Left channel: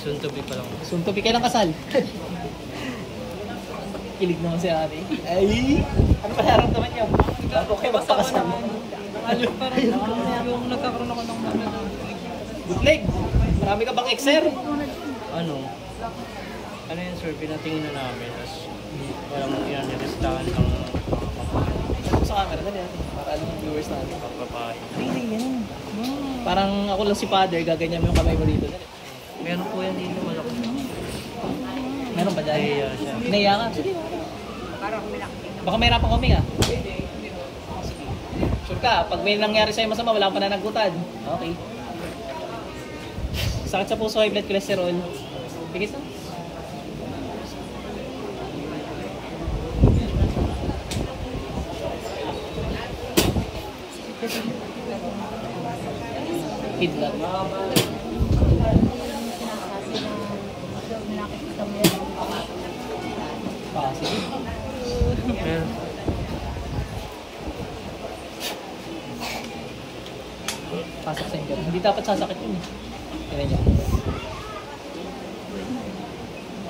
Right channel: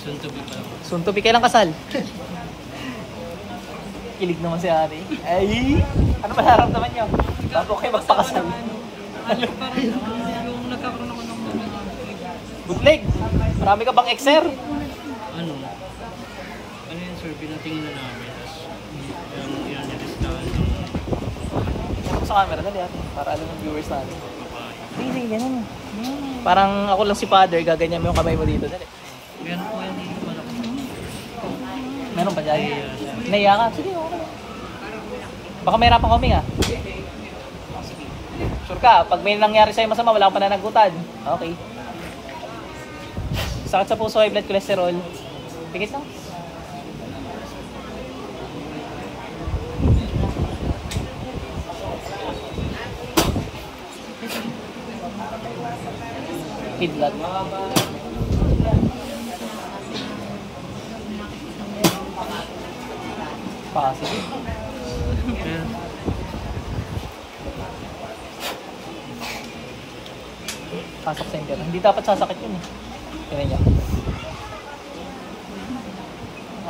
Soon to be pa lang. Soon to be, kailang kasal? Kilig naman si Ari. Ay! Ano ba naramdaman niyo? Bago kayo magpakasal. Ano parang yung nagkakaroon ako ng mga bootleg. Marami ka bang exer? ano yun sir, pinatingin na namin. Tapos parang yan, nilistahan ng mga Ito sa camera, dali para alam ng viewers natin. babae. Hindi, ganun. Parang ako lang si father, gaganyan mo yung kamay mo dito. Dali. Meron po yan dito malaki. Meron pa dyan? Naiya siya. Naiya ka? Sige, okay. Baka may rapang huminga. Sure ka, pag may nangyari sa'yo masama, wala kang pananagutan. Okay. Sakit sa puso, high blood cholesterol. Bigis na. Kidlat. Positive. Yeah. Pasok sa inyo. Hindi dapat sasakit yun eh. Kaya niya.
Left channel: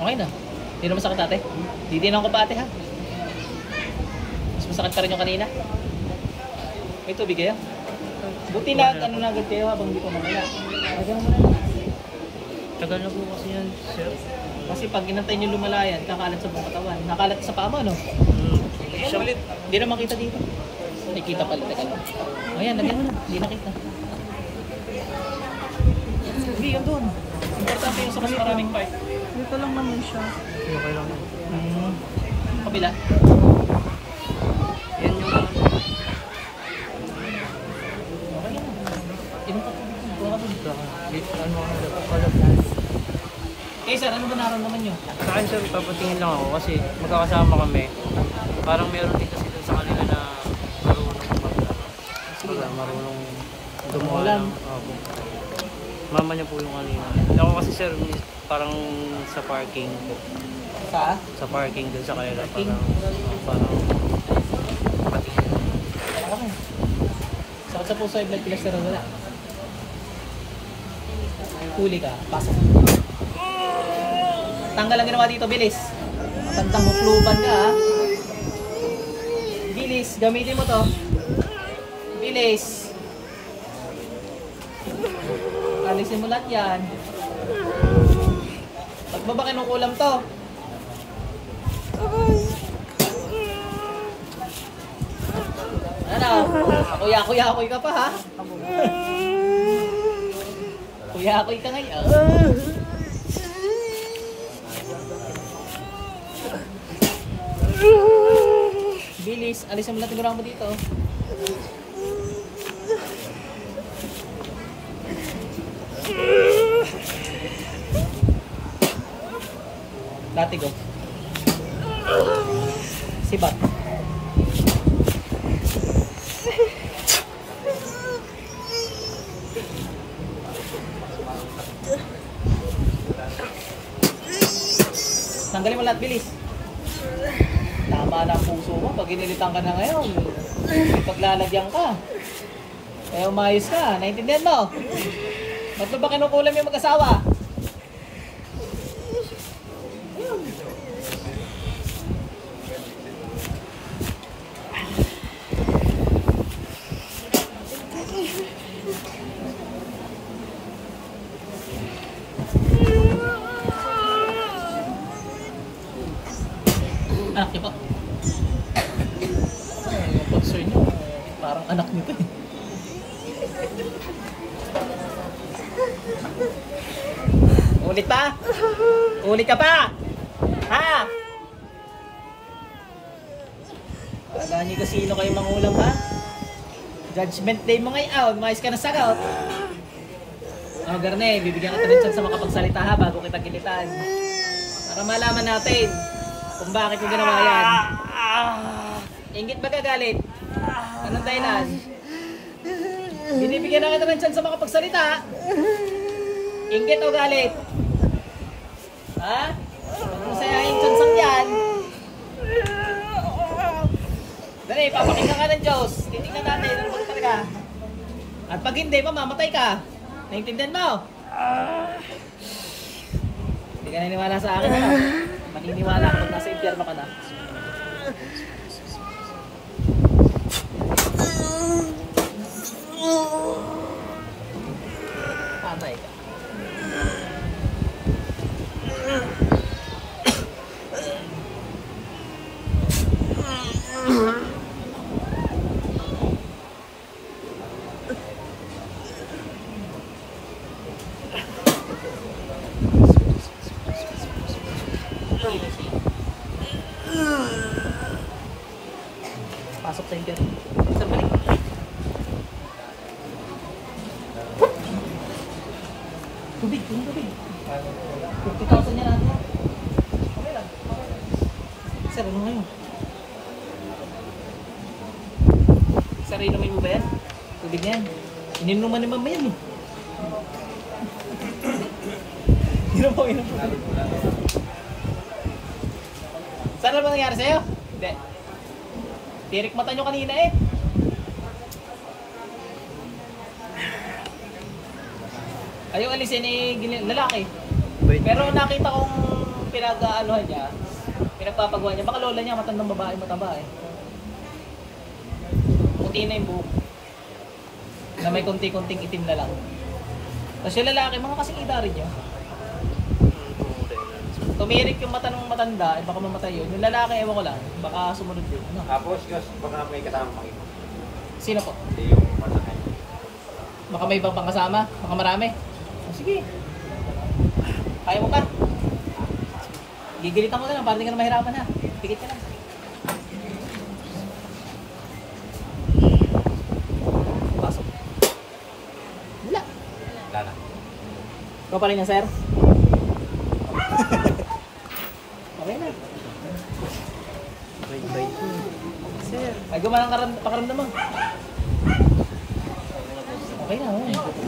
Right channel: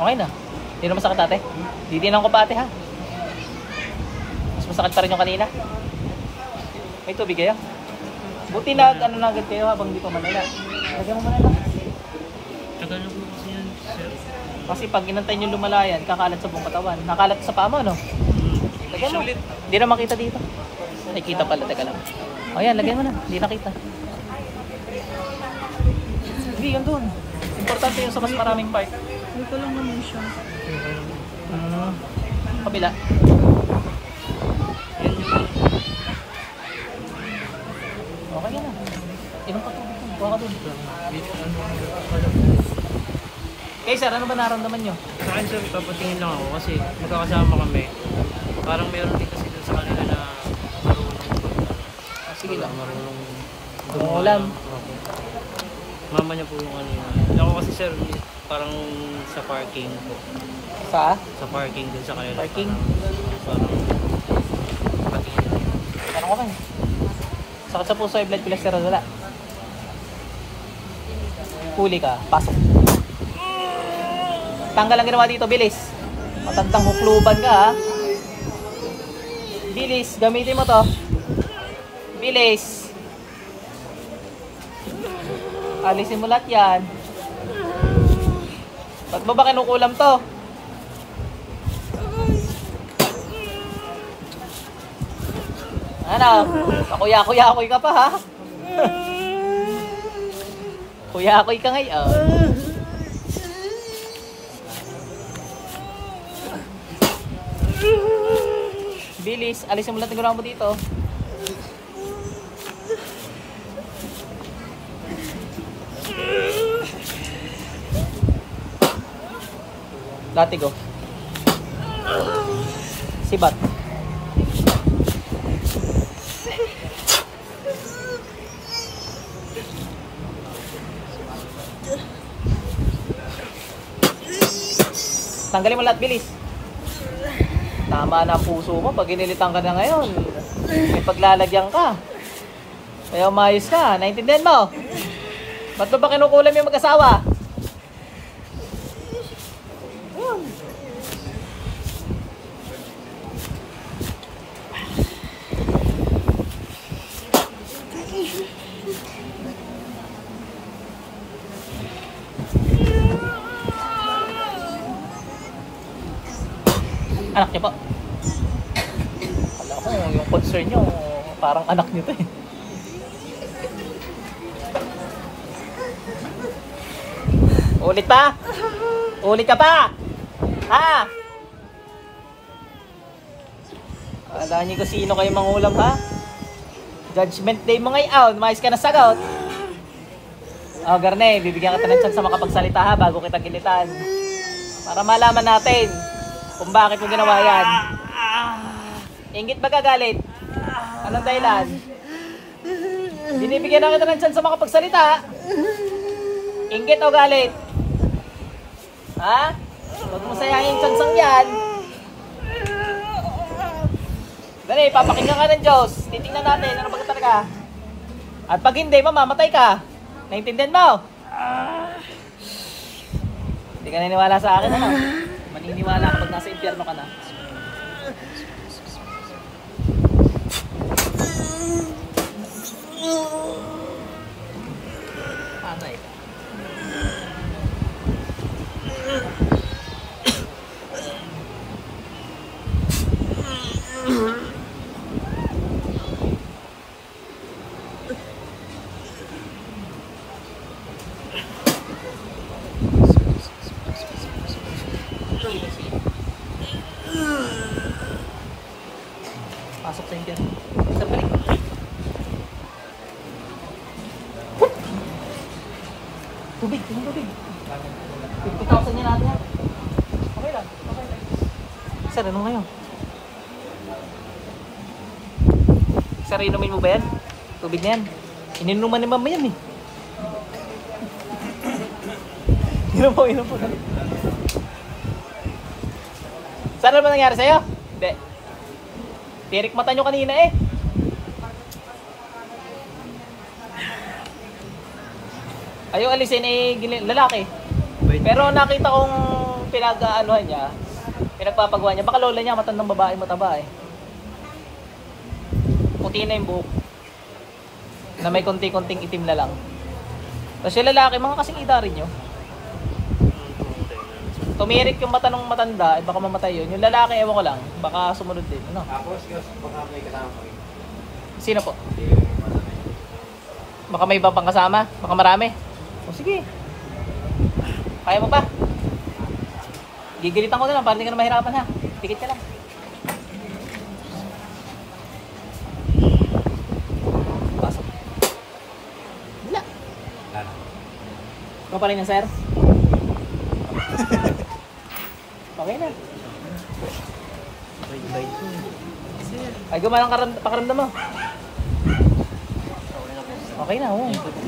Okay na. Hindi na masakit ate. Ditinan ko pa ate ha. Mas masakit pa rin yung kanina. May tubig kayo? Buti na ano na agad kayo habang hindi ko manila. Lagyan mo manila. Tagal na po kasi yan sir. Kasi pag inantay nyo lumalayan, kakalat sa buong katawan. Nakalat sa paa mo, no? Lagyan mo. Hindi na makita dito. Nakikita pala, teka lang. Ayan, lagyan mo na. Hindi nakita. Hindi, yan doon. Importante yun sa mas maraming part. Dito lang naman siya. Okay lang. Kabila. Yan yung Okay yan. Inom ka tubig. Kuha ka doon. ano kalap. Okay sir, ano ba naramdaman nyo? Sa akin sir, papatingin lang ako kasi magkakasama kami. Parang meron din kasi dun sa kanila na marunong gumawa ng ako. Mama niya po yung kanina. Ako kasi sir, parang sa parking po. Sa? Sa parking dun sa kanila. Parking? Parang patingin lang. Ano ko man? Sakit sa puso, blood cholesterol wala. Huli ka, pasok. Tanggal ang ginawa dito, bilis. Matandang hukluban ka ha. Bilis, gamitin mo to. Bilis. Alisin mo lahat yan. Ba't mo ba kinukulam to? Ano? Kuya-kuya-kuy ka pa ha? Kuya-kuy ka ngayon. Bilis, alisin mo lang tigurang mo dito. Latigo. Sibat. Tanggalin mo lahat, bilis. Tama na puso mo pag inilitan ka na ngayon. Paglalagyan ka. Kaya umayos ka. Naintindihan mo? Ba't ba kinukulam yung mag-asawa? Yun. Anak niyo po. Yung concern niyo, parang anak niyo to eh. Ulit pa? Ulit ka pa? Ha? Wala niyo kung sino kayo mangulam ha? Judgment day mo ngayon, mais ka na sagot. O Garne, bibigyan kita ng chance sa makapagsalita ha bago kita gilitan. Para malaman natin kung bakit mo ginawa yan. Ingit ba gagalit? Anong dahilan? Binibigyan na kita ng chance sa makapagsalita. Ingit o galit? Ha? Huwag mo sayangin yung chansang yan. Dali, papakinggan ka ng Diyos. Titignan natin ano ba talaga. At pag hindi, mamamatay ka. Naintindihan mo? Hindi ka naniniwala sa akin, ano? Maniniwala ka pag nasa impyerno ka na. Patay ka. Pasok sa impyerno. Sir, balik. Tubig, tubig. 50,000 yan natin. Okay lang. Sir, ano ngayon? Sir, inumin mo ba yan? Tubig na yan. Ininuman ni mama yan eh. Inom po, inom po. Saan na ba nangyari sa'yo? Hindi. Pirik mata nyo kanina eh. Ayaw alisin eh, lalaki. Pero nakita kong pinag-aanohan niya, pinagpapagawa niya. Baka lola niya, matandang babae, mataba eh. Puti na yung buhok. Na may konti-konting itim na lang. Tapos yung lalaki, mga kasing-ida rin nyo. Tumirik yung mata ng matanda, baka mamatay yun. Yung lalaki, ewan ko lang, baka sumunod din. Ano? Tapos, baka may kasama pa kayo. Sino po? Baka may iba pang kasama? Baka marami? O, sige. Kaya mo pa? Gigilitan ko na lang para hindi ka na mahirapan ha. Tikit ka lang. Pasok. Wala. Wala na. Ikaw pa rin yan, sir? Okay na. Bye-bye po. Sir. Ay, gumanang pakaramdam mo. Okay na, oo.